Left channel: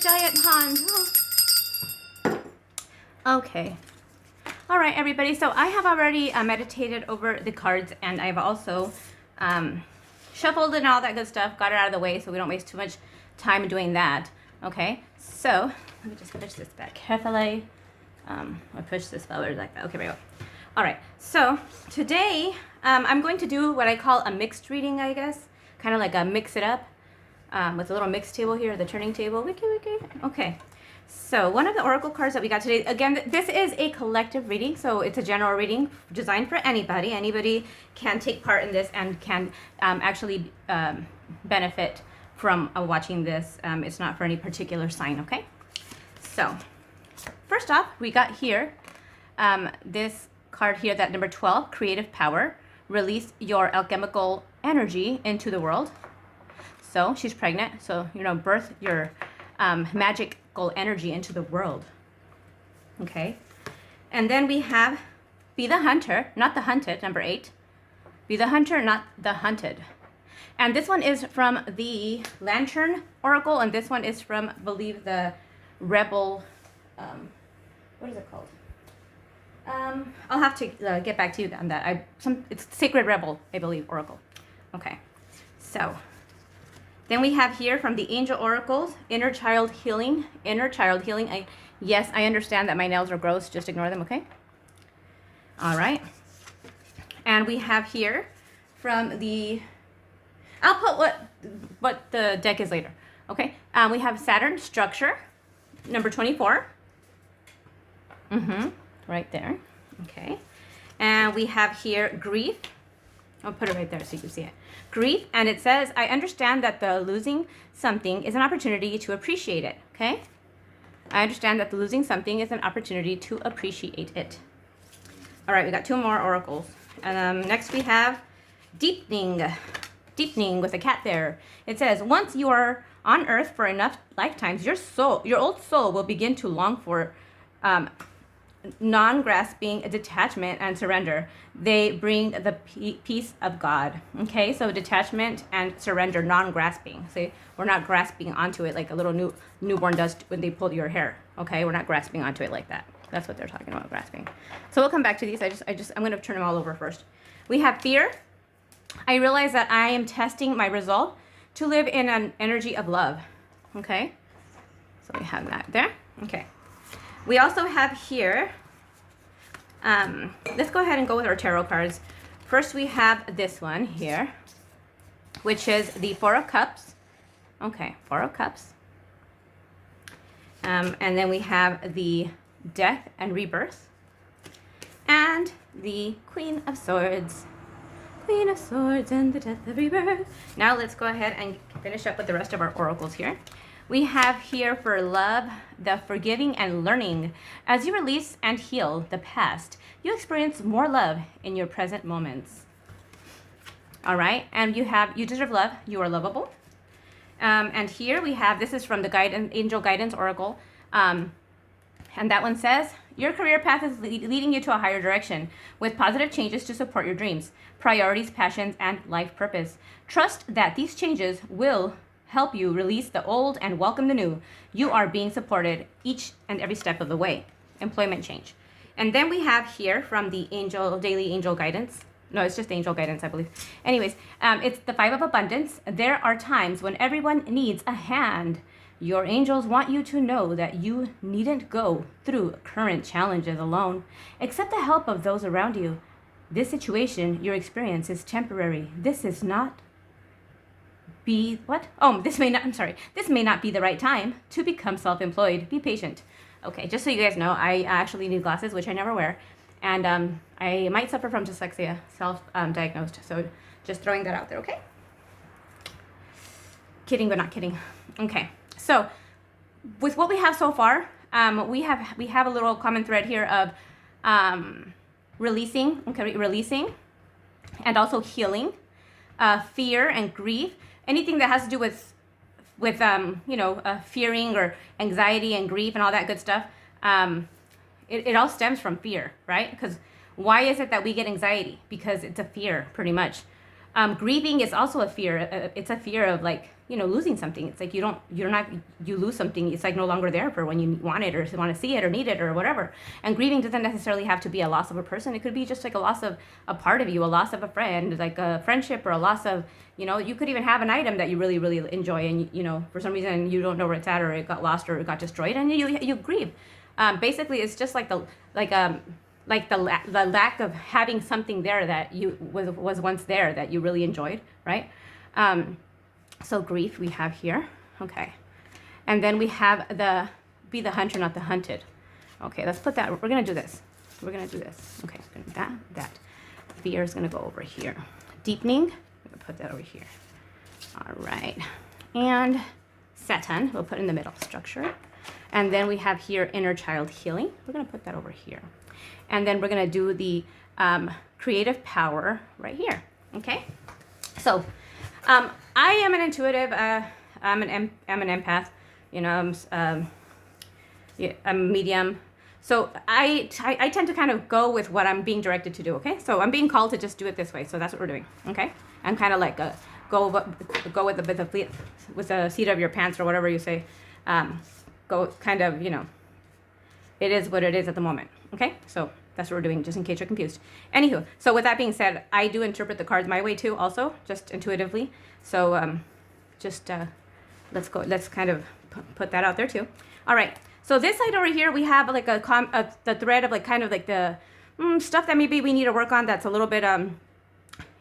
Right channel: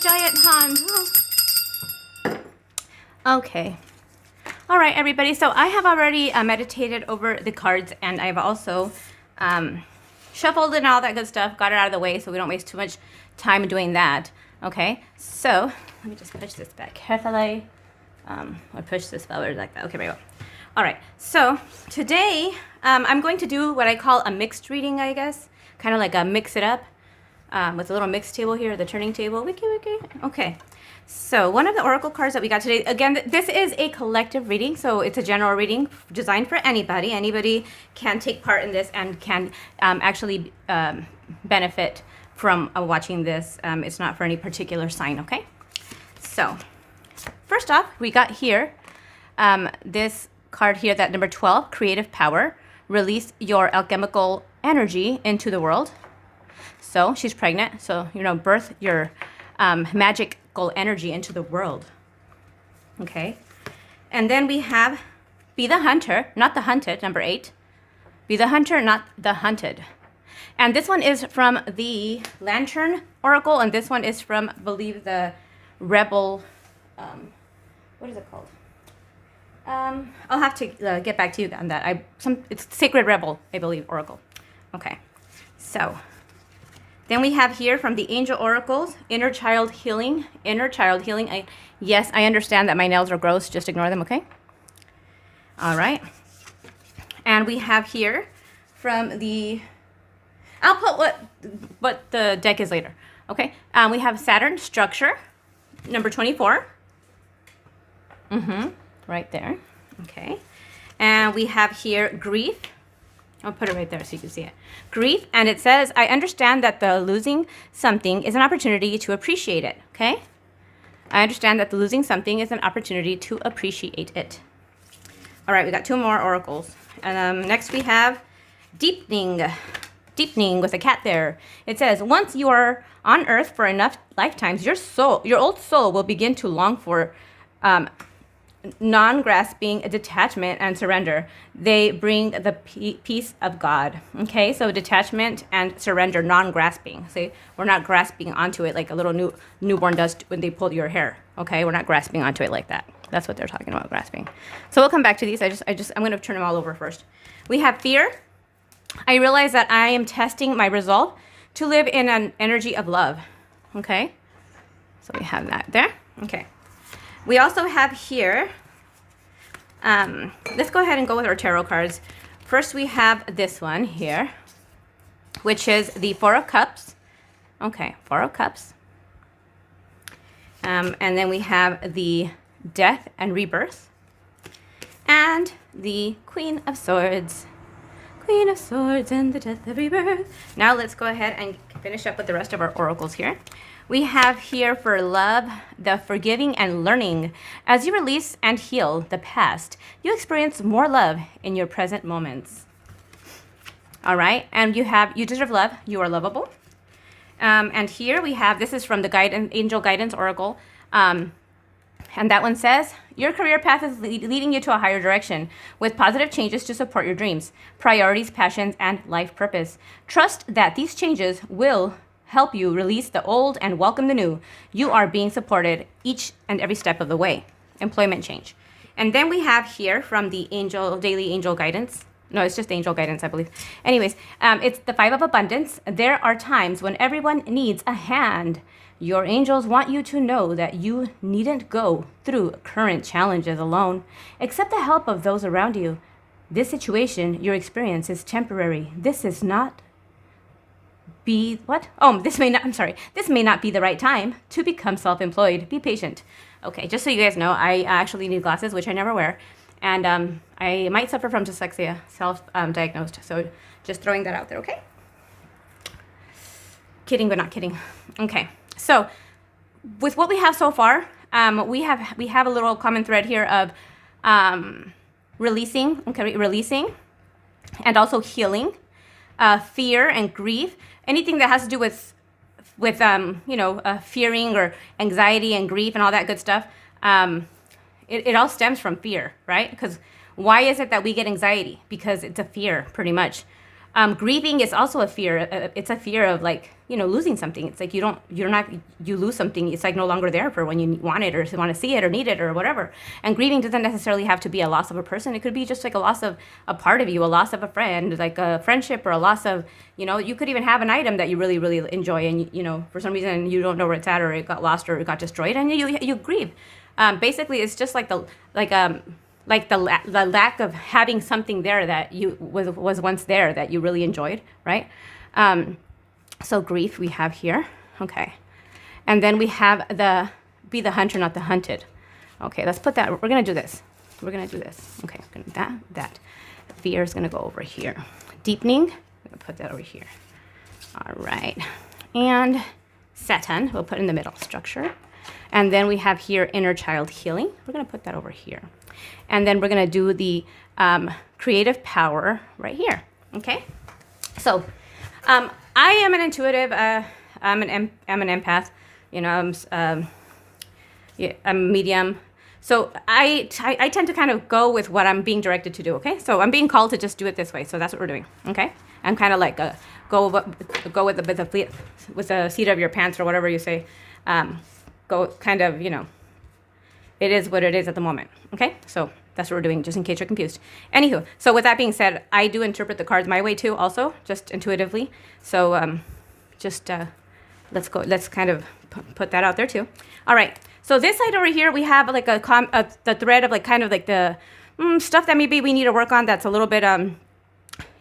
giant hung. Okay. All right, everybody. So I have already meditated over the cards, and I've also shuffled and all that good stuff, got it out of the way so we don't waste too much time doing that. Okay, so let me just push this back carefully. Or push this forward like that. Okay, very well. All right, so today I'm going to do what I call a mixed reading, I guess. Kind of like a mix it up with a little mix table here, the turning table. Wiki, wiki. Okay, so one of the oracle cards that we got today, again, this is a collective reading, so it's a general reading designed for anybody. Anybody can take part in this and can actually benefit from watching this. It's not for any particular sign, okay? So first off, we got here this card here, that number 12, creative power. Release your alchemical energy into the world. So she's pregnant, so, you know, birth your magical energy into the world. Okay. And then we have be the hunter, not the hunted, number 8. Be the hunter, not the hunted. And this one is from the Lantern Oracle, and this one is from, I believe, the Rebel, what is it called? I'll have to get back to you on that. It's Sacred Rebel, I believe, Oracle. Okay, so then we have here from the Angel Oracles, Inner Child Healing. Inner Child Healing. Yes, I understand that my nails are gross. Just ignore them, okay? All right. And we have here from the, I'll put what the deck is later, okay? We have Saturn Structure, number 24. Right there. Okay. And we have here grief. I'll put it right there so you can see it. Grief. And it says, I understand that the losing something is an opportunity to appreciate it. Okay. I understand that the losing something is an opportunity to appreciate it. All right. We got 2 more oracles. Next we have deepening. Deepening with a cat there. It says, once you are on earth for enough lifetimes, your old soul will begin to long for non-grasping detachment and surrender. They bring the peace of God. Okay, so detachment and surrender, non-grasping. See, we're not grasping onto it like a little newborn does when they pull your hair. Okay, we're not grasping onto it like that. That's what they're talking about, grasping. So we'll come back to these. I'm going to turn them all over first. We have fear. I realize that I am testing my resolve to live in an energy of love. Okay, so we have that there. Okay. We also have here, let's go ahead and go with our tarot cards. First, we have this one here, which is the 4 of Cups. Okay, 4 of Cups. And then we have the Death and Rebirth. And the Queen of Swords. Queen of Swords and the Death and Rebirth. Now let's go ahead and finish up with the rest of our oracles here. We have here for love, the forgiving and learning. As you release and heal the past, you experience more love in your present moments. All right, and you deserve love. You are lovable. And here we have, this is from the Angel Guidance Oracle. And that one says, your career path is leading you to a higher direction with positive changes to support your dreams, priorities, passions, and life purpose. Trust that these changes will help you release the old and welcome the new. You are being supported each and every step of the way. Employment change. And then we have here from the Daily Angel Guidance. No, it's just Angel Guidance, I believe. Anyways, it's the 5 of Abundance. There are times when everyone needs a hand. Your angels want you to know that you needn't go through current challenges alone. Accept the help of those around you. This situation, your experience, is temporary. This may not be the right time to become self-employed. Be patient. Okay, just so you guys know, I actually need glasses, which I never wear. And I might suffer from dyslexia, self-diagnosed. So just throwing that out there, okay? Kidding, but not kidding. Okay, so with what we have so far, we have a little common thread here of releasing, and also healing, fear and grief. Anything that has to do with fearing or anxiety and grief and all that good stuff, it all stems from fear, right? Because why is it that we get anxiety? Because it's a fear, pretty much. Grieving is also a fear. It's a fear of like, losing something. It's like you lose something. It's like no longer there for when you want it or want to see it or need it or whatever. And grieving doesn't necessarily have to be a loss of a person. It could be just like a loss of a part of you, a loss of a friend, like a friendship, or a loss of, you could even have an item that you really, really enjoy, and for some reason you don't know where it's at, or it got lost, or it got destroyed, and you grieve. Basically, it's just like the lack of having something there that was once there that you really enjoyed, right? So grief we have here, okay. And then we have be the hunter, not the hunted. Okay, let's put that, we're gonna do this. Okay, that. Fear is gonna go over here. Deepening, I'm gonna put that over here. All right, and Satan, we'll put in the middle structure. And then we have here inner child healing. We're gonna put that over here. And then we're gonna do the creative power right here, okay? So I am an intuitive, I'm an empath, I'm a medium. So I tend to kind of go with what I'm being directed to do, okay? So I'm being called to just do it this way, so that's what we're doing, okay? I'm kind of like go with the seat of your pants, or whatever you say. Go kind of, it is what it is at the moment, okay? So that's what we're doing, just in case you're confused. Anywho, so with that being said, I do interpret the cards my way too, also, just intuitively. So let's kind of put that out there too. All right, so this side over here, we have like the thread of like kind of like the stuff that maybe we need to work on that's a little bit,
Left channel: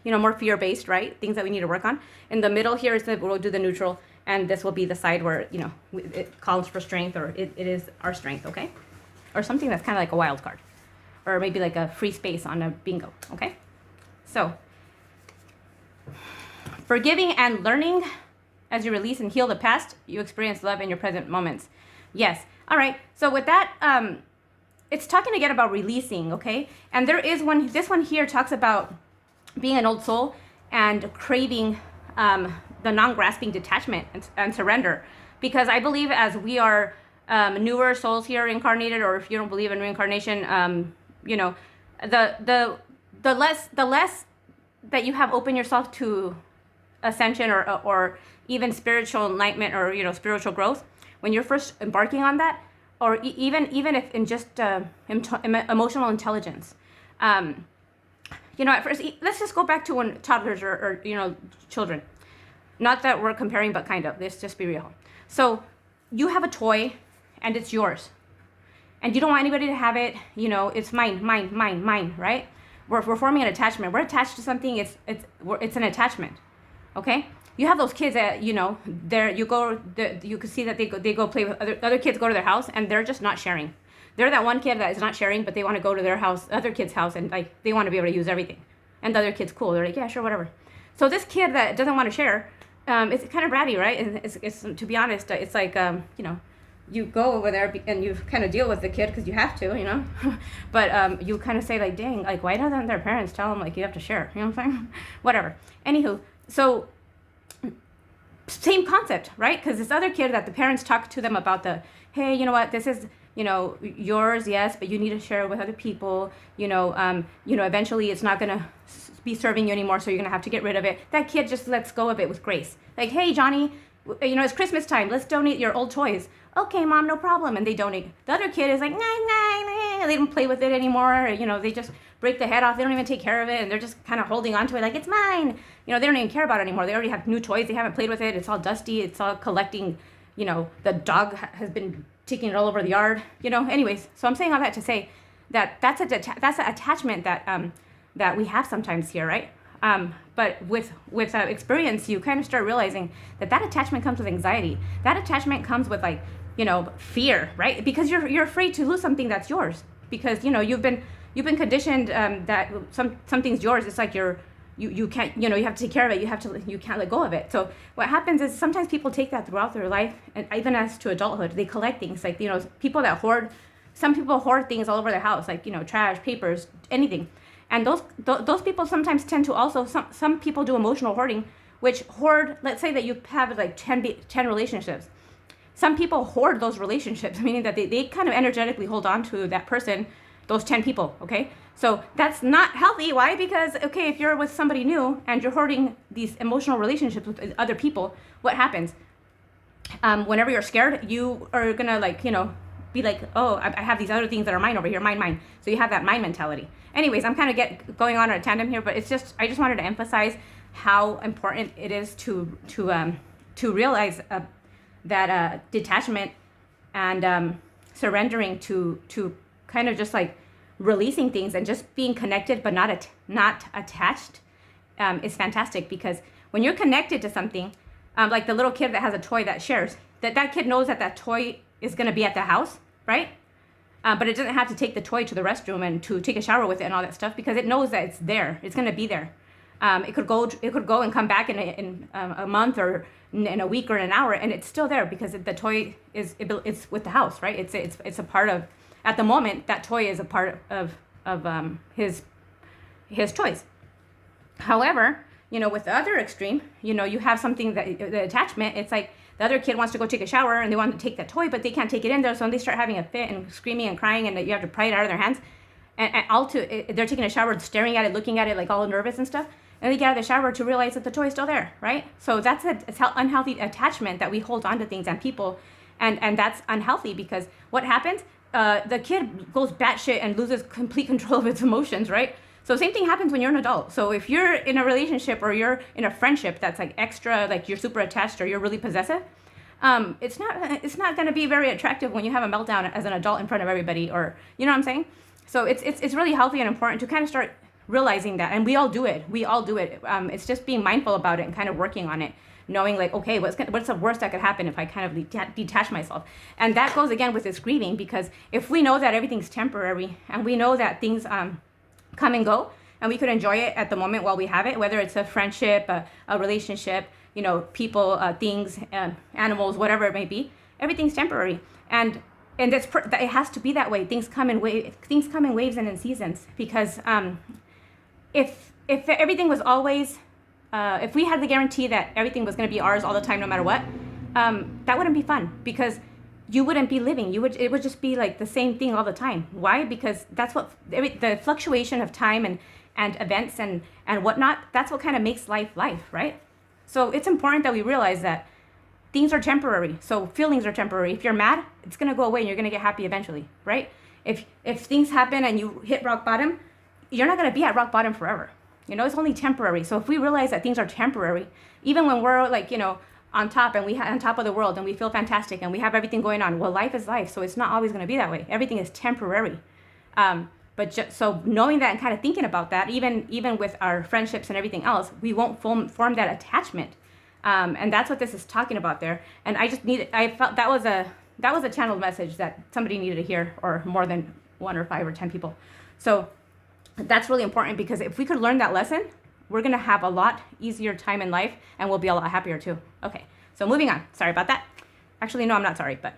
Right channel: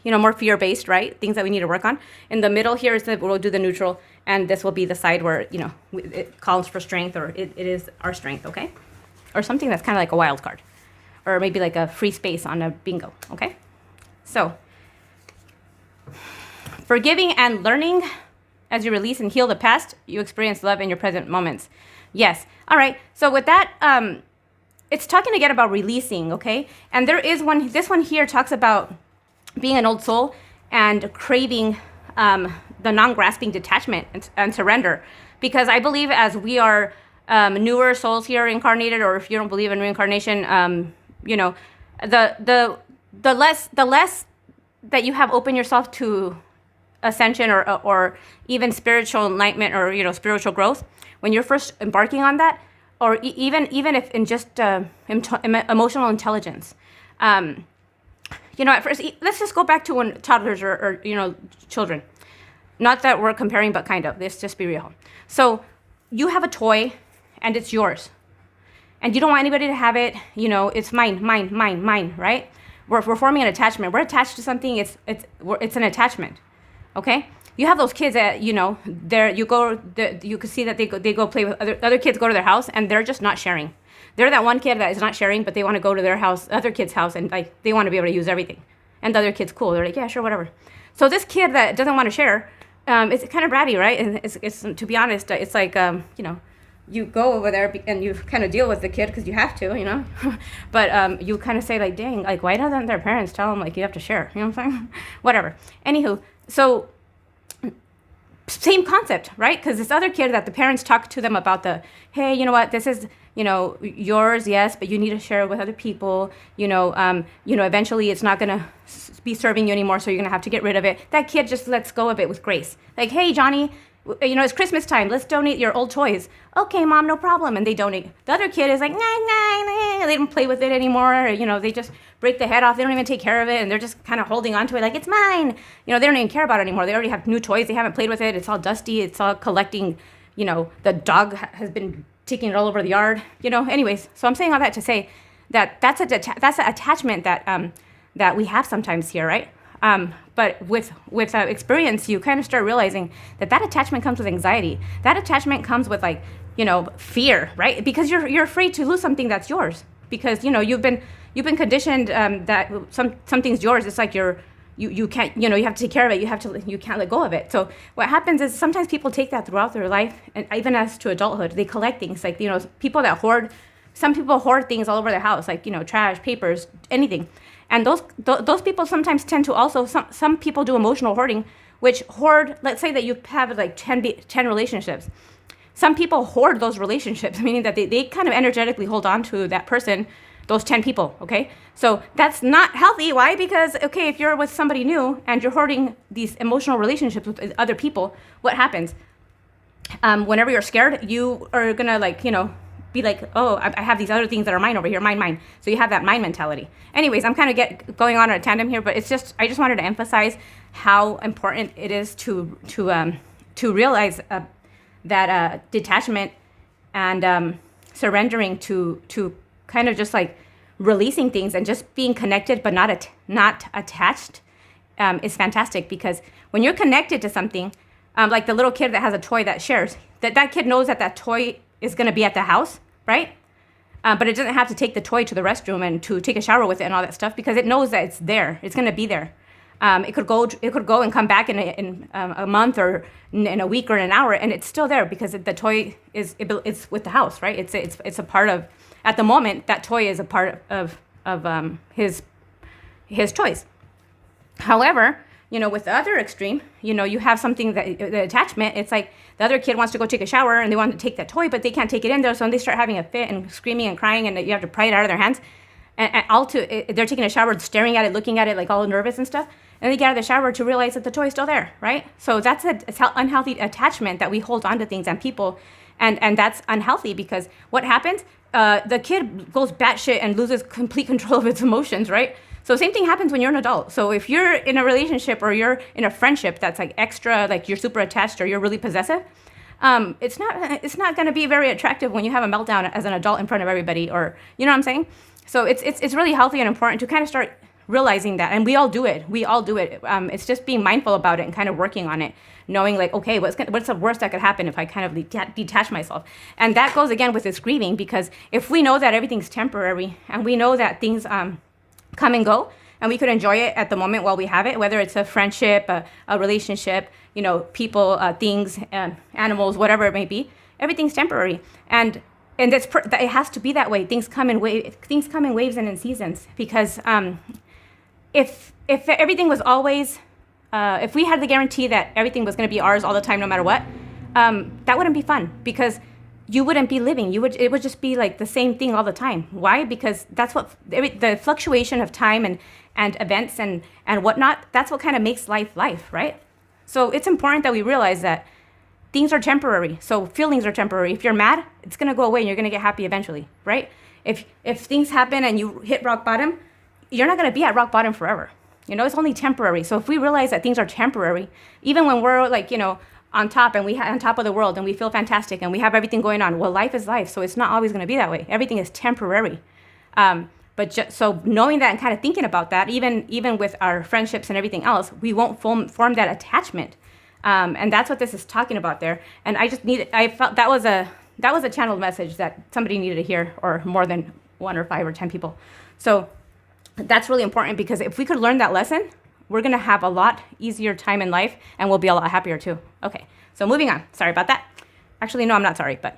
more fear-based, right? Things that we need to work on. In the middle here is we'll do the neutral, and this will be the side where, it calls for strength, or it is our strength, okay? Or something that's kind of like a wild card, or maybe like a free space on a bingo, okay? So, forgiving and learning. As you release and heal the past, you experience love in your present moments. Yes. All right. So with that, it's talking again about releasing, okay? And there is this one here talks about being an old soul and craving the non-grasping detachment and surrender. Because I believe as we are newer souls here incarnated, or if you don't believe in reincarnation, the less that you have opened yourself to ascension or even spiritual enlightenment, or spiritual growth, when you're first embarking on that, or even if in just emotional intelligence, at first, let's just go back to when toddlers or children. Not that we're comparing, but kind of. Let's just be real. So you have a toy, and it's yours, and you don't want anybody to have it. It's mine, right? We're forming an attachment. We're attached to something. It's an attachment. Okay. You have those kids that you can see that they go play with other kids, go to their house, and they're just not sharing. They're that one kid that is not sharing, but they want to go to their house, other kid's house, and like they want to be able to use everything. And the other kid's cool. They're like, yeah, sure, whatever. So this kid that doesn't want to share, it's kind of bratty, right? And it's to be honest, it's like you go over there and you kind of deal with the kid because you have to, but you kind of say like, dang, like why doesn't their parents tell them like you have to share? You know what I'm saying? Whatever. Anywho, so same concept, right? Because this other kid that the parents talk to them about hey, you know what, this is, yours, yes, but you need to share it with other people, eventually it's not going to be serving you anymore, so you're going to have to get rid of it. That kid just lets go of it with grace. Like, hey, Johnny, it's Christmas time, let's donate your old toys. Okay, Mom, no problem. And they donate. The other kid is like, nah, they don't play with it anymore. Or, they just break the head off. They don't even take care of it. And they're just kind of holding on to it like, it's mine. They don't even care about it anymore. They already have new toys. They haven't played with it. It's all dusty. It's all collecting, the dog has been taking it all over the yard, Anyways, so I'm saying all that to say that that's an attachment that we have sometimes here, right? But with experience, you kind of start realizing that attachment comes with anxiety. That attachment comes with fear, right? Because you're afraid to lose something that's yours. Because you've been conditioned that something's yours. It's like you can't, you have to take care of it. You can't let go of it. So what happens is sometimes people take that throughout their life, and even as to adulthood, they collect things like people that hoard. Some people hoard things all over their house, like trash, papers, anything. And those people sometimes tend to also, some people do emotional hoarding, which hoard, let's say that you have like 10 relationships. Some people hoard those relationships, meaning that they kind of energetically hold on to that person those 10 people, okay? So that's not healthy. Why? Because, okay, if you're with somebody new and you're holding these emotional relationships with other people, what happens? Whenever you're scared, you are gonna like, be like, oh, I have these other things that are mine over here, mine. So you have that mine mentality. Anyways, I'm kind of going on a tandem here, but it's just, I just wanted to emphasize how important it is to realize that detachment and surrendering to kind of just like releasing things and just being connected but not attached is fantastic. Because when you're connected to something, like the little kid that has a toy that shares, that kid knows that toy is going to be at the house, right? But it doesn't have to take the toy to the restroom and to take a shower with it and all that stuff, because it knows that it's there. It's going to be there. It could go and come back in a month or in a week or in an hour, and it's still there because the toy it's with the house, right? It's a part of, at the moment, that toy is a part of his toys. However, with the other extreme, you have something that the attachment, it's like the other kid wants to go take a shower and they want to take that toy, but they can't take it in there. So when they start having a fit and screaming and crying, and you have to pry it out of their hands, and they're taking a shower, staring at it, looking at it, like all nervous and stuff. And they get out of the shower to realize that the toy is still there, right? So that's an unhealthy attachment that we hold on to things and people, and that's unhealthy, because what happens? The kid goes batshit and loses complete control of its emotions, right? So same thing happens when you're an adult. So if you're in a relationship or you're in a friendship that's like extra, like you're super attached or you're really possessive, it's not going to be very attractive when you have a meltdown as an adult in front of everybody, or you know what I'm saying? So it's really healthy and important to kind of start realizing that, and we all do it. It's just being mindful about it and kind of working on it, knowing like, okay, what's the worst that could happen if I kind of detach myself? And that goes again with this grieving, because if we know that everything's temporary and we know that things come and go, and we could enjoy it at the moment while we have it, whether it's a friendship, a relationship, people, things, animals, whatever it may be, everything's temporary. And it has to be that way. Things come in waves and in seasons, because if everything was always, if we had the guarantee that everything was going to be ours all the time, no matter what, that wouldn't be fun, because you wouldn't be living. It would just be like the same thing all the time. Why? Because that's what the fluctuation of time and events and whatnot, that's what kind of makes life, right? So it's important that we realize that things are temporary. So feelings are temporary. If you're mad, it's going to go away and you're going to get happy eventually, right? If things happen and you hit rock bottom, you're not going to be at rock bottom forever. It's only temporary. So if we realize that things are temporary, even when we're like, on top and on top of the world and we feel fantastic and we have everything going on, well, life is life. So it's not always going to be that way. Everything is temporary. So knowing that and kind of thinking about that, even with our friendships and everything else, we won't form that attachment. And that's what this is talking about there. And I felt that was a channeled message that somebody needed to hear, or more than 1 or 5 or 10 people. So that's really important, because if we could learn that lesson, we're going to have a lot easier time in life, and we'll be a lot happier too. Okay, so moving on. Sorry about that. Actually, no, I'm not sorry, but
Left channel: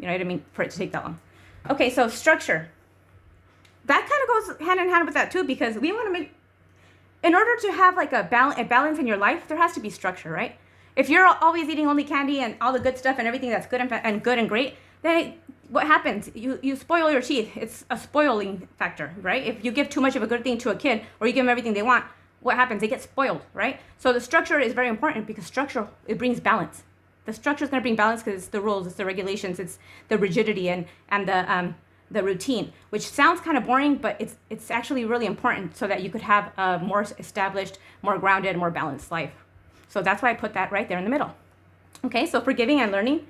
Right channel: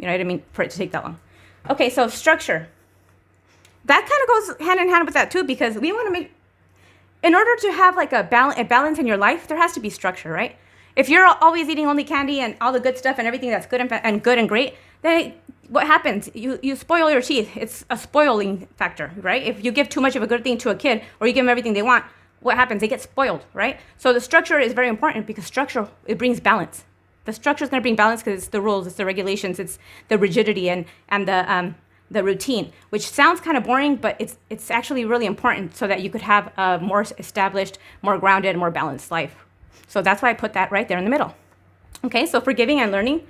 I didn't mean for it to take that long. Okay, so structure. That kind of goes hand in hand with that too, because we want to in order to have like a balance in your life, there has to be structure, right? If you're always eating only candy and all the good stuff and everything that's good and great, then what happens? You spoil your teeth. It's a spoiling factor, right? If you give too much of a good thing to a kid, or you give them everything they want, what happens? They get spoiled, right? So the structure is very important, because structure, it brings balance. The structure is going to bring balance because it's the rules, it's the regulations, it's the rigidity and the routine, which sounds kind of boring, but it's actually really important so that you could have a more established, more grounded, more balanced life. So that's why I put that right there in the middle. Okay, so forgiving and learning.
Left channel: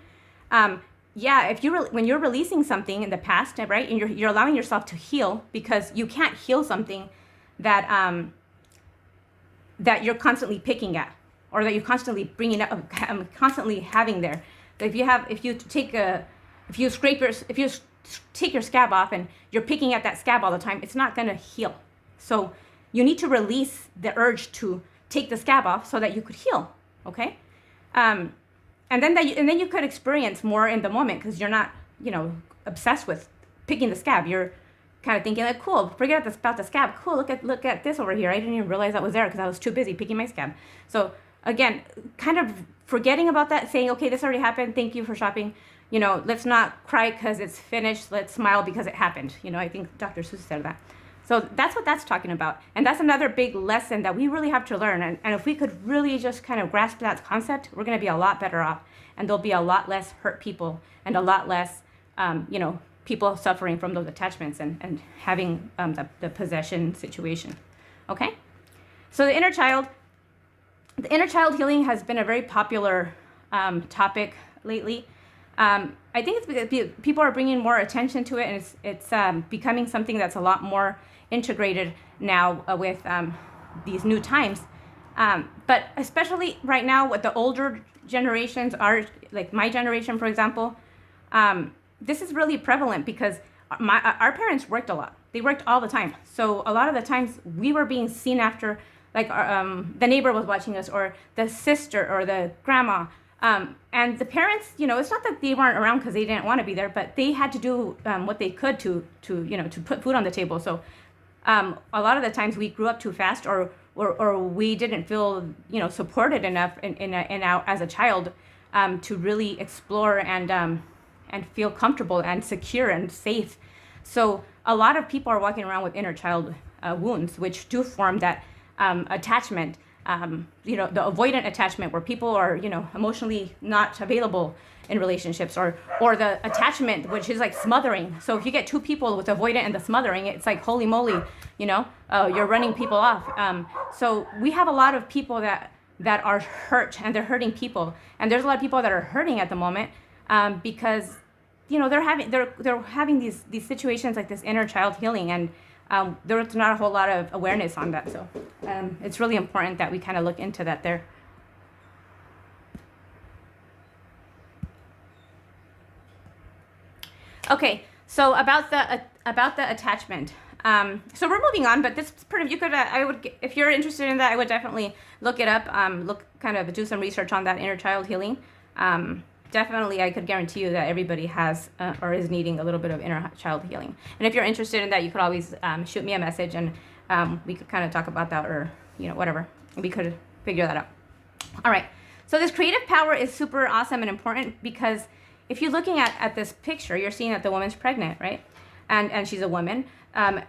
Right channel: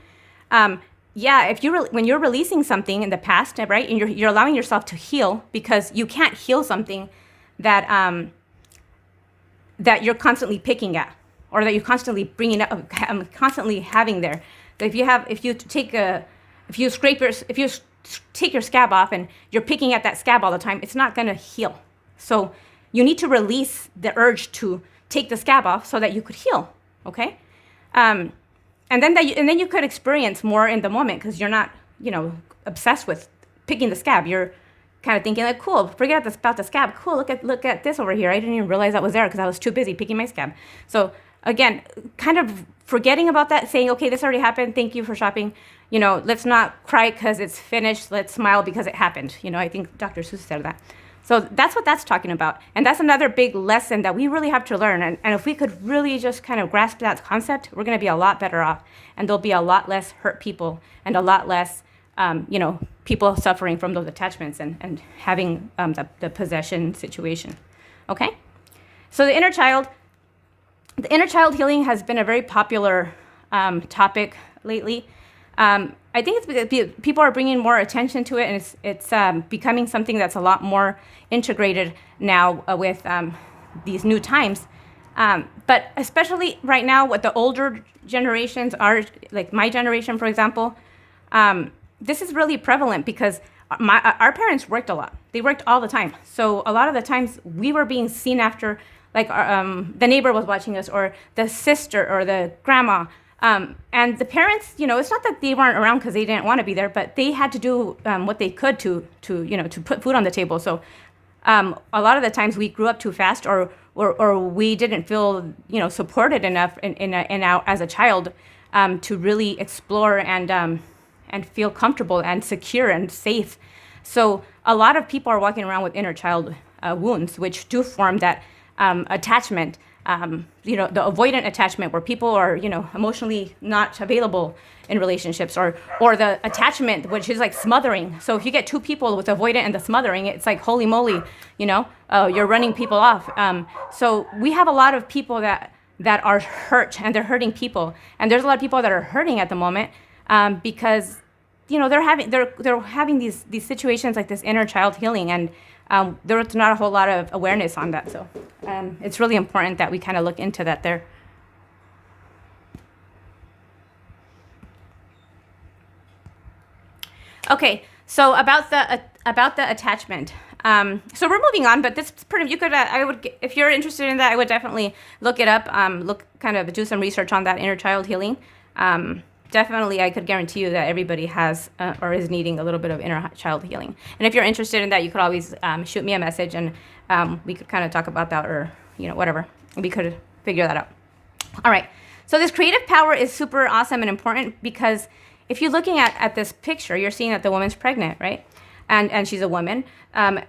When you're releasing something in the past, right, and you're allowing yourself to heal, because you can't heal something that you're constantly picking at, or that you're constantly bringing up, constantly having there. If you take your scab off and you're picking at that scab all the time, it's not going to heal. So you need to release the urge to take the scab off so that you could heal. Okay, and then you could experience more in the moment, because you're not obsessed with picking the scab. You're kind of thinking like, cool, forget about the scab. Cool, look at this over here. I didn't even realize that was there because I was too busy picking my scab. So again, kind of forgetting about that, saying, okay, this already happened. Thank you for shopping. let's not cry because it's finished. Let's smile because it happened. I think Dr. Seuss said that. So that's what that's talking about. And that's another big lesson that we really have to learn. And if we could really just kind of grasp that concept, we're going to be a lot better off. And there'll be a lot less hurt people and a lot less, people suffering from those attachments and having the possession situation. Okay? So the inner child healing has been a very popular topic lately. I think it's because people are bringing more attention to it, and it's becoming something that's a lot more integrated now with these new times. But especially right now, what the older generations are, like my generation, for example, this is really prevalent because our parents worked a lot. They worked all the time. So a lot of the times we were being seen after, like the neighbor was watching us, or the sister, or the grandma. And the parents, it's not that they weren't around because they didn't want to be there, but they had to do what they could to put food on the table. So a lot of the times we grew up too fast, or we didn't feel supported enough as a child to really explore and feel comfortable and secure and safe. So a lot of people are walking around with inner child wounds, which do form that attachment. The avoidant attachment where people are, emotionally not available in relationships, or the attachment, which is like smothering. So if you get two people with avoidant and the smothering, it's like, holy moly, you're running people off. So we have a lot of people that are hurt, and they're hurting people. And there's a lot of people that are hurting at the moment because, they're having these situations like this inner child healing, and there's not a whole lot of awareness on that. So it's really important that we kind of look into that there. Okay, so about the attachment. So we're moving on, but this you could if you're interested in that, I would definitely look it up. Do some research on that inner child healing. Definitely, I could guarantee you that everybody has or is needing a little bit of inner child healing. And if you're interested in that, you could always shoot me a message, and we could kind of talk about that, or whatever. We could figure that out. All right. So this creative power is super awesome and important, because if you're looking at this picture, you're seeing that the woman's pregnant, right? And she's a woman.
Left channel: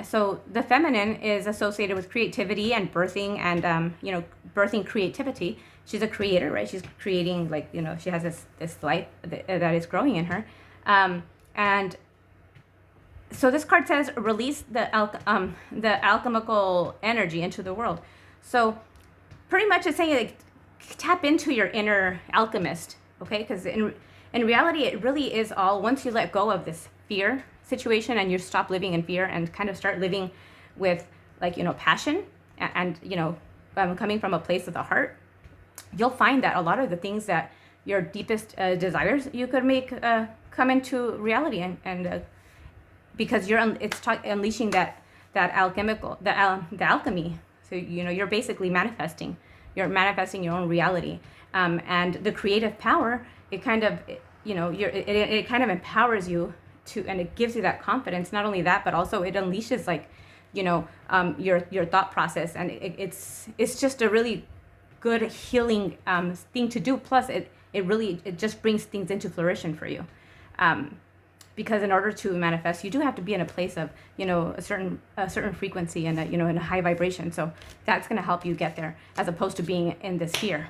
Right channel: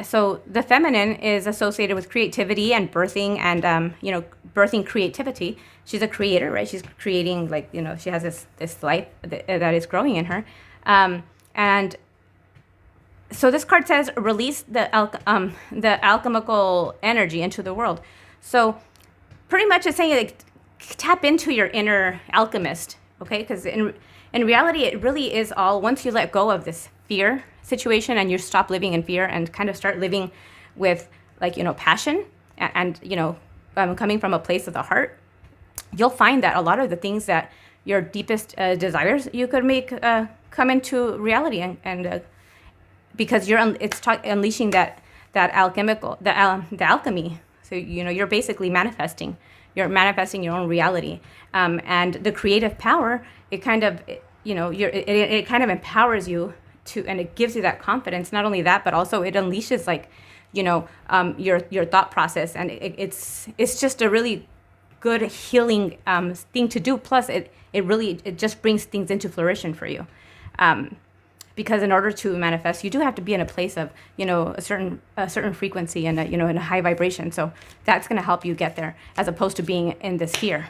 So the feminine is associated with creativity and birthing, and birthing creativity. She's a creator, right? She's creating, she has this life that is growing in her. And so this card says, release the alchemical energy into the world. So pretty much it's saying, like, tap into your inner alchemist, okay? Because in reality, it really is all, once you let go of this fear situation and you stop living in fear and kind of start living with, passion and coming from a place of the heart, you'll find that a lot of the things that your deepest desires you could make come into reality, and because it's unleashing that alchemical the alchemy. So you're basically manifesting. You're manifesting your own reality, and the creative power. It kind of it kind of empowers you to, and it gives you that confidence. Not only that, but also it unleashes your thought process, and it's just a really good healing thing to do. Plus it just brings things into fruition for you, because in order to manifest, you do have to be in a place of a certain frequency and in a high vibration. So that's going to help you get there, as opposed to being in this fear,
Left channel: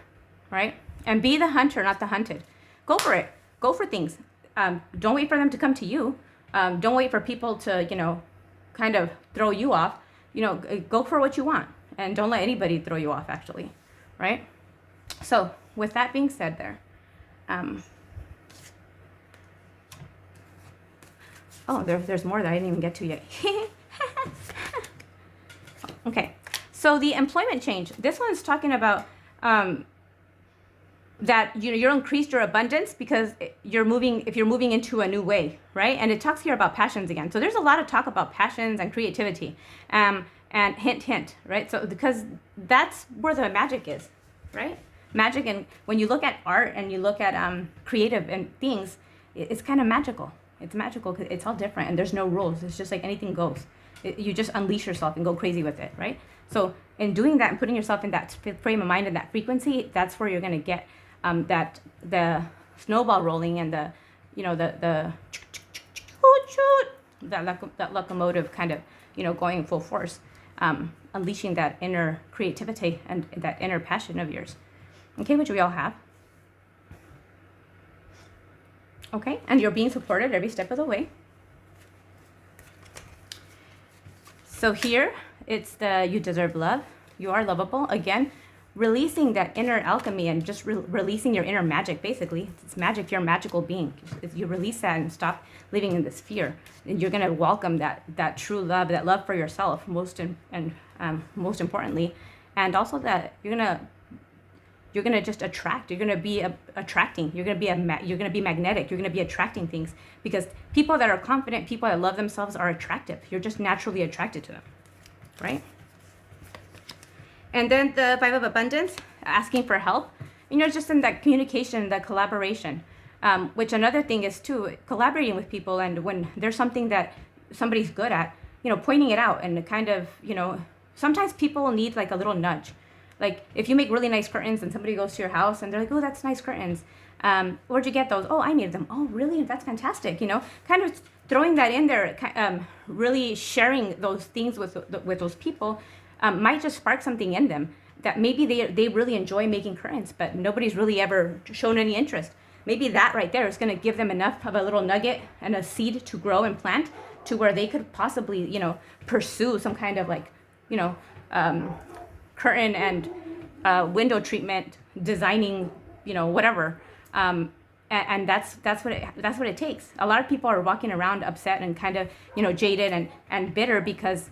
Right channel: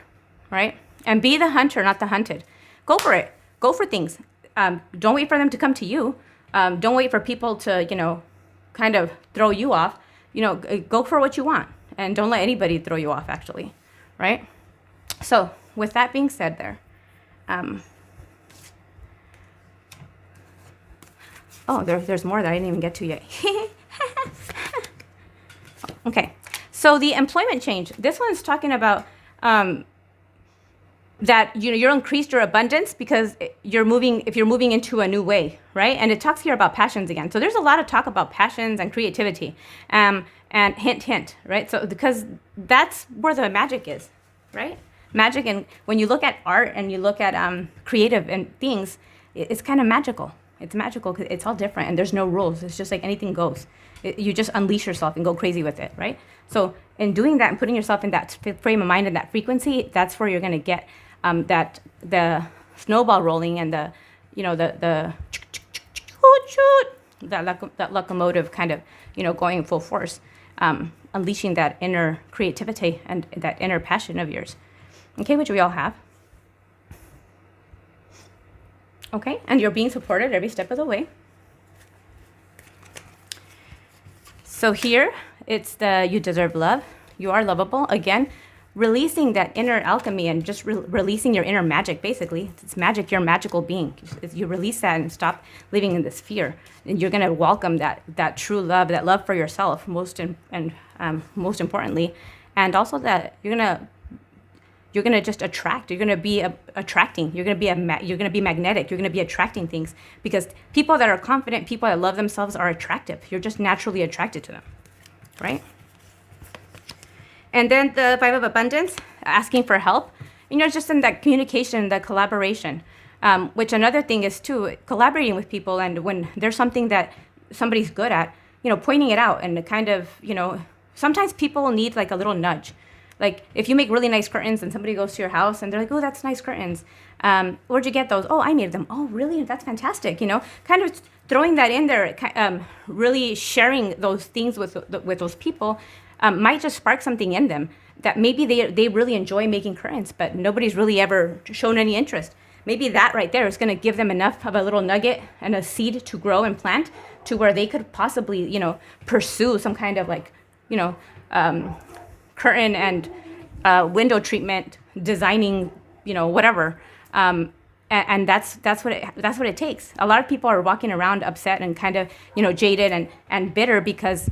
right? And be the hunter, not the hunted. Go for it. Go for things. Don't wait for them to come to you. Don't wait for people to kind of throw you off. Go for what you want, and don't let anybody throw you off, actually. Right? So with that being said there, there's more that I didn't even get to yet. Okay, so the employment change. This one's talking about that you're increased your abundance because if you're moving into a new way, right? And it talks here about passions again. So there's a lot of talk about passions and creativity. And hint, right? So because that's where the magic is, right? Magic, and when you look at art and you look at creative and things, it's kind of magical. It's magical because it's all different and there's no rules. It's just like anything goes. You just unleash yourself and go crazy with it, right? So in doing that and putting yourself in that frame of mind and that frequency, that's where you're going to get the snowball rolling and the that locomotive kind of, going full force, unleashing that inner creativity and that inner passion of yours. Okay, which we all have. Okay, and you're being supported every step of the way. So here, it's the you deserve love. You are lovable. Again, releasing that inner alchemy and just releasing your inner magic, basically. It's magic, you're a magical being. If you release that and stop living in this fear, and you're going to welcome that true love, that love for yourself, most importantly, and also that you're going to just attract. You're going to be attracting. You're going to be magnetic. You're going to be attracting things, because people that are confident, people that love themselves are attractive. You're just naturally attracted to them, right? And then the Five of Abundance, asking for help. Just in that communication, that collaboration, which another thing is too, collaborating with people. And when there's something that somebody's good at, pointing it out, and kind of, sometimes people need like a little nudge. Like if you make really nice curtains and somebody goes to your house and they're like, oh, that's nice curtains. Where'd you get those? Oh, I made them. Oh, really? That's fantastic. Kind of throwing that in there, really sharing those things with those people might just spark something in them that maybe they really enjoy making curtains, but nobody's really ever shown any interest. Maybe that right there is going to give them enough of a little nugget and a seed to grow and plant to where they could possibly, pursue some kind of like, curtain and window treatment, designing, whatever. And that's what it takes. A lot of people are walking around upset and kind of, jaded and bitter because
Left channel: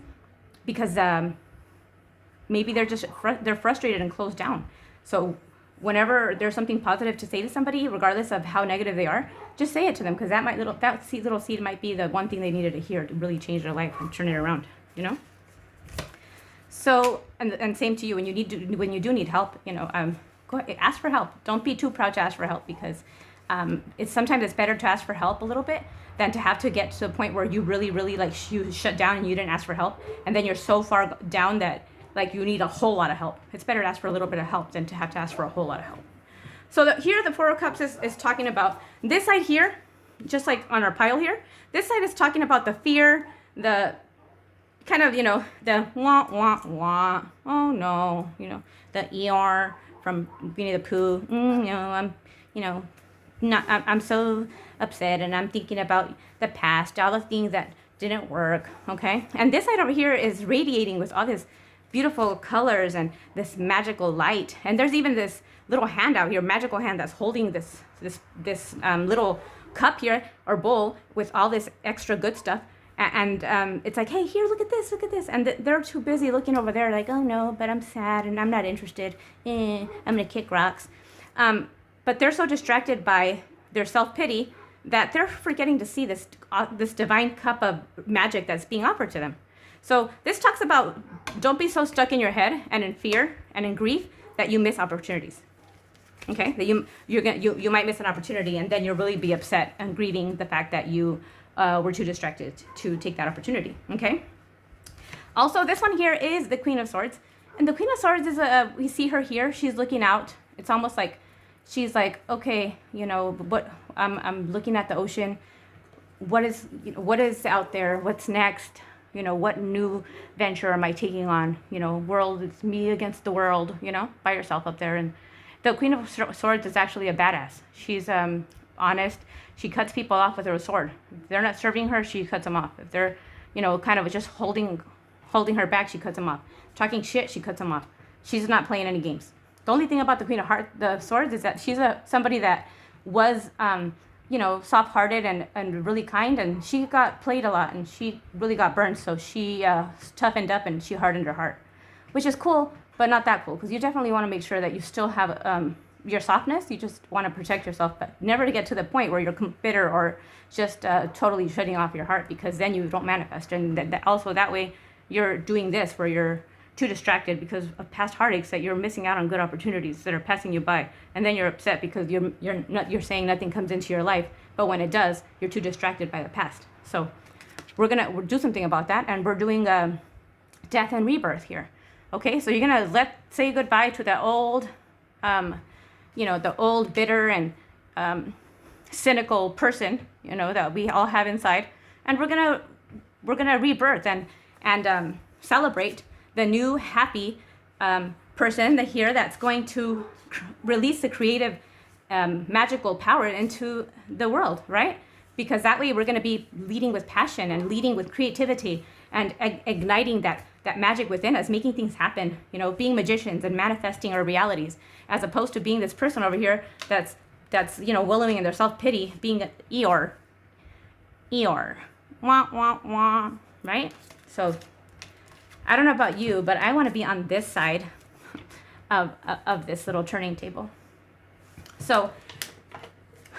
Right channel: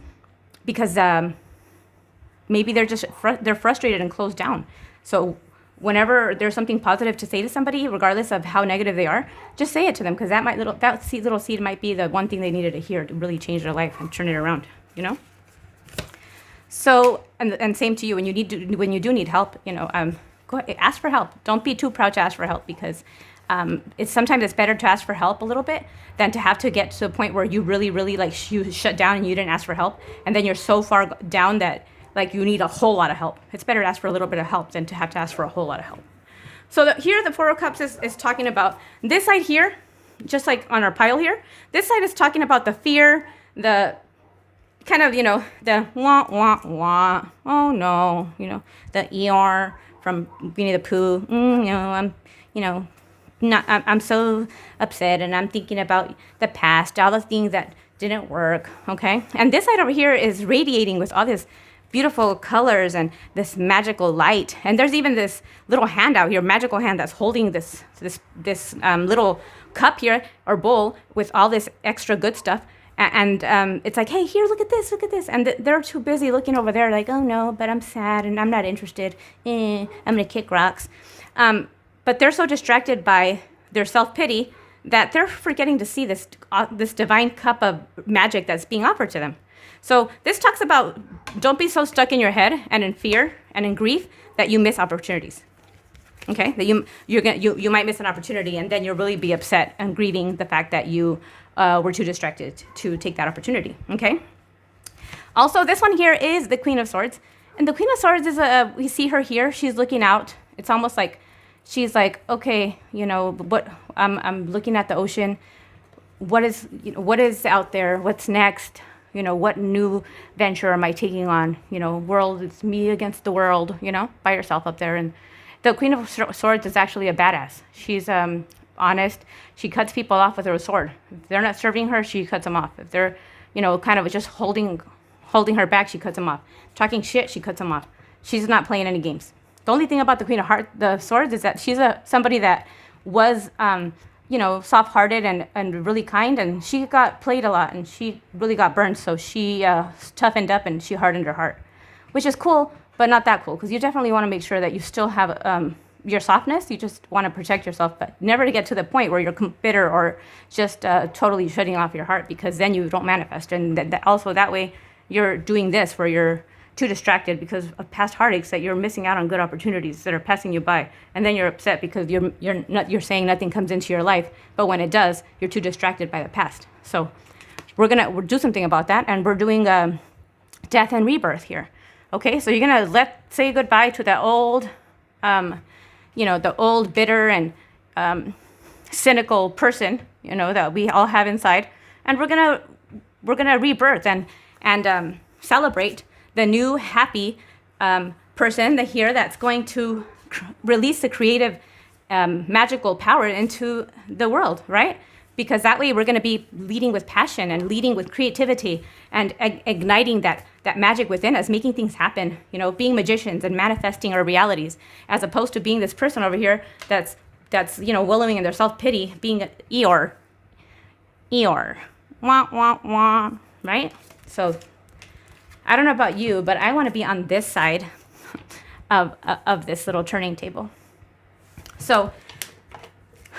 maybe they're frustrated and closed down. So whenever there's something positive to say to somebody, regardless of how negative they are, just say it to them, because that little seed might be the one thing they needed to hear to really change their life and turn it around. So and same to you, when you do need help, go ahead, ask for help. Don't be too proud to ask for help, because sometimes it's better to ask for help a little bit than to have to get to a point where you really like you shut down and you didn't ask for help, and then you're so far down that like you need a whole lot of help. It's better to ask for a little bit of help than to have to ask for a whole lot of help. So here the Four of Cups is talking about this side here, just like on our pile here. This side is talking about the fear, the kind of, the wah, wah, wah, oh no, the Eeyore from Winnie the Pooh, I'm so upset and I'm thinking about the past, all the things that didn't work, okay? And this side over here is radiating with all this beautiful colors and this magical light. And there's even this little hand out here, magical hand, that's holding this little cup here or bowl with all this extra good stuff. And it's like, hey, here, look at this. And they're too busy looking over there like, oh no, but I'm sad and I'm not interested. I'm gonna kick rocks. But they're so distracted by their self-pity that they're forgetting to see this divine cup of magic that's being offered to them. So this talks about, don't be so stuck in your head and in fear and in grief that you miss opportunities. Okay, that you might miss an opportunity, and then you'll really be upset and grieving the fact that you were too distracted to take that opportunity. Okay. Also, this one here is the Queen of Swords, and the Queen of Swords is we see her here. She's looking out. It's almost like she's like, okay, what I'm looking at the ocean. What is out there? What's next? What new venture am I taking on? World, it's me against the world, by yourself up there. And the Queen of Swords is actually a badass. She's honest. She cuts people off with her sword. If they're not serving her, she cuts them off. If they're, kind of just holding her back, she cuts them off. Talking shit, she cuts them off. She's not playing any games. The only thing about the Queen of the Swords is that she's somebody that was, soft-hearted and really kind, and she got played a lot, and she really got burned, so she toughened up and she hardened her heart, which is cool, but not that cool, because you definitely want to make sure that you still have your softness. You just want to protect yourself, but never to get to the point where you're bitter or just totally shutting off your heart, because then you don't manifest. And also that way you're doing this where you're too distracted because of past heartaches that you're missing out on good opportunities that are passing you by, and then you're upset because you're saying nothing comes into your life, but when it does, you're too distracted by the past. So we'll do something about that, and we're doing death and rebirth here. Okay, so you're gonna say goodbye to that old, the old bitter and cynical person, you know, that we all have inside, and we're gonna rebirth and celebrate the new happy person that here that's going to release the creative magical power into the world, right? Because that way we're going to be leading with passion and leading with creativity and igniting that magic within us, making things happen, you know, being magicians and manifesting our realities, as opposed to being this person over here that's you know, wallowing in their self-pity, being an Eeyore, wah, wah, wah, right? So I don't know about you, but I want to be on this side of this little turning table. So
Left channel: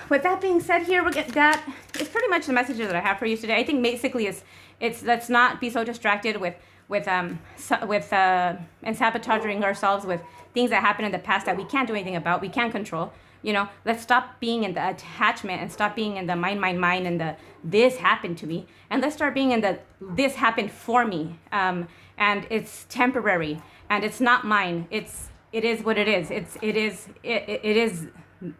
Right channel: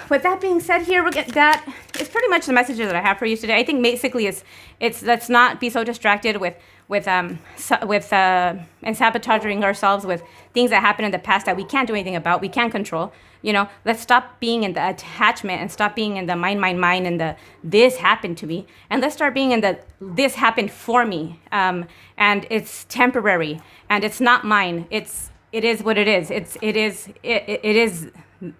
with that being said, here we get that is pretty much the messages that I have for you today. I think basically it's let's not be so distracted and sabotaging ourselves with things that happened in the past that we can't do anything about, we can't control. You know, let's stop being in the attachment and stop being in the mine, and the this happened to me, and let's start being in the this happened for me, and it's temporary and it's not mine. It is what it is. It is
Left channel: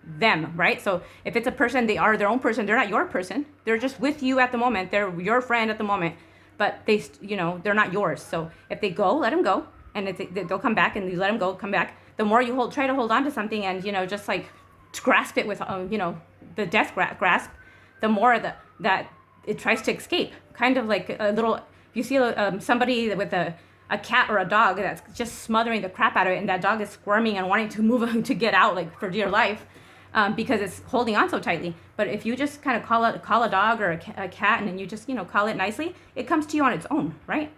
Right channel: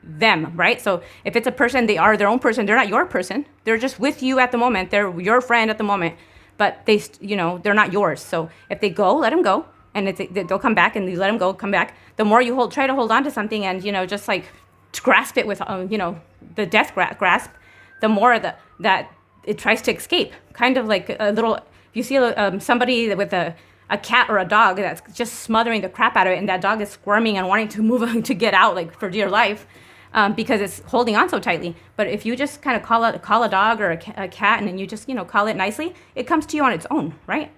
them, right? So if it's a person, they are their own person. They're not your person. They're just with you at the moment. They're your friend at the moment, but they, you know, they're not yours. So if they go, let them go, and they'll come back, and you let them go, come back. The more you try to hold on to something, and you know, just like grasp it with, you know, the death grasp, the more that it tries to escape. Kind of like a little. If you see somebody with a cat or a dog that's just smothering the crap out of it, and that dog is squirming and wanting to move to get out, like for dear life, because it's holding on so tightly. But if you just kind of call a dog or a cat, and then you just, you know, call it nicely, it comes to you on its own, right?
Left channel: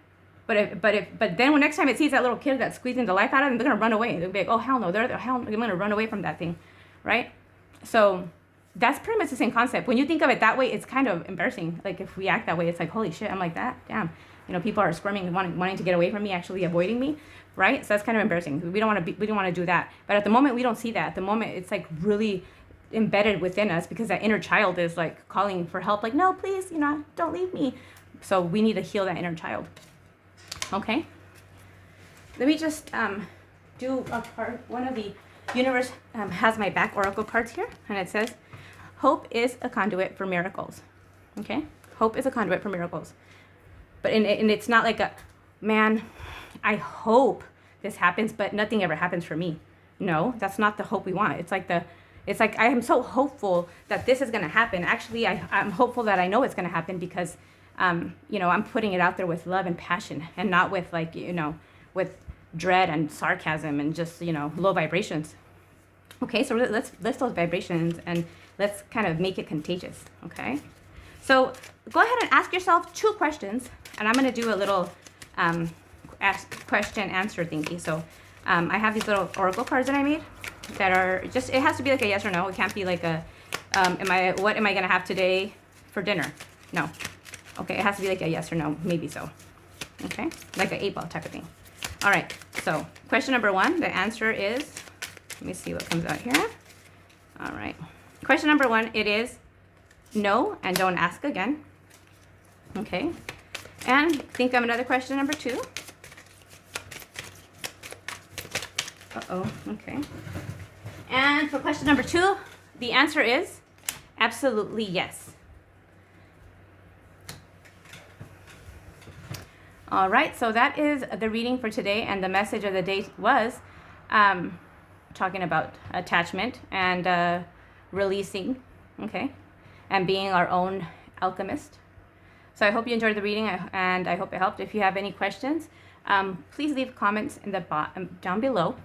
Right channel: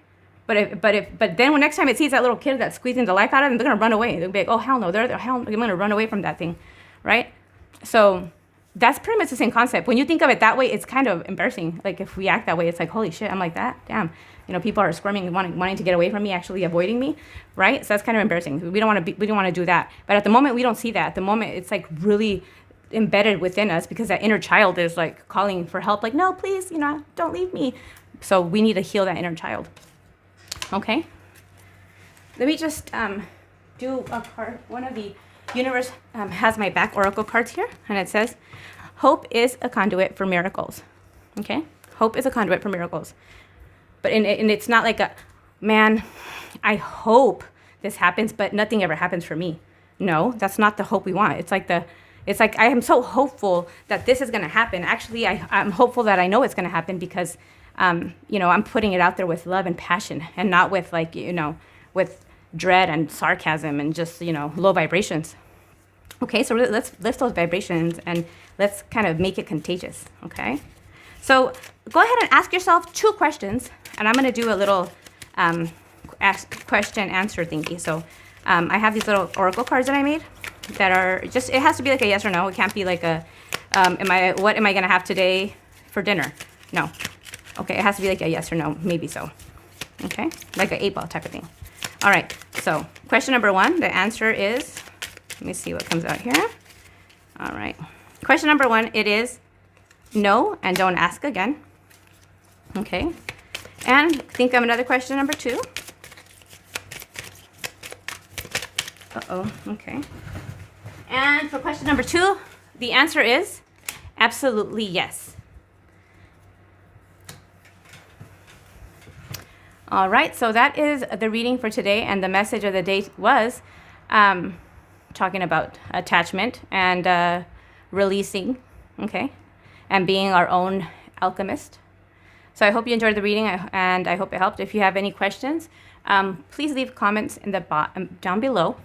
But then when next time it sees that little kid that's squeezing the life out of them, they're gonna run away. They'll be like, oh hell no, they're gonna run away from that thing, right? So that's pretty much the same concept. When you think of it that way, it's kind of embarrassing. Like if we act that way, it's like, holy shit, I'm like that, damn. You know, people are squirming, wanting to get away from me, actually avoiding me, right? So that's kind of embarrassing. We don't want to do that. But at the moment, we don't see that. At the moment, it's like really embedded within us, because that inner child is like calling for help, like, no, please, you know, don't leave me. So we need to heal that inner child. Okay. Let me just do a card. One of the universe has my back oracle cards here, and it says, hope is a conduit for miracles. Okay. Hope is a conduit for miracles. But and it's not like a, man, I hope this happens, but nothing ever happens for me. No, that's not the hope we want. It's like I am so hopeful that this is going to happen. Actually, I'm hopeful that I know it's going to happen, because, you know, I'm putting it out there with love and passion, and not with, like, you know, with dread and sarcasm and just, you know, low vibrations. Okay, so let's lift those vibrations and let's kind of make it contagious. Okay. So go ahead and ask yourself 2 questions, and I'm going to do a little question answer thingy. So I have these little oracle cards that I made that are just, it has to be like a yes or no. It can't be like a, what am I going to have today for dinner? No. Okay, it has to be like a yes or no, maybe so. Okay, like an 8-ball type of thing. All right, so question number 1, the answer is, let me see what comes out here. All right, question number 1, it is no, and don't ask again. Okay. And think of another question, number 2. Uh-oh, okay. And for question number 2, the answer is absolutely yes. All right, so that is the reading for today, and the message of the day was talking about attachment and releasing, okay, and being our own alchemist. So I hope you enjoyed the reading, and I hope it helped. If you have any questions, please leave comments in the down below.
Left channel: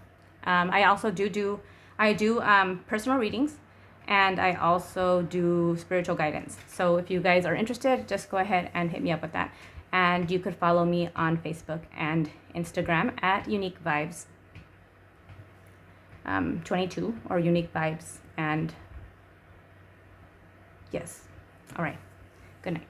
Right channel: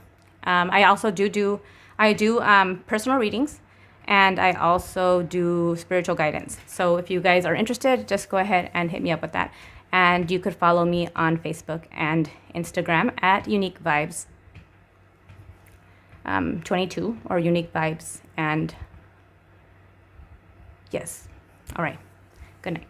I also do personal readings, and I also do spiritual guidance. So if you guys are interested, just go ahead and hit me up with that. And you could follow me on Facebook and Instagram at Unique Vibes 22 or Unique Vibes. And yes. All right. Good night.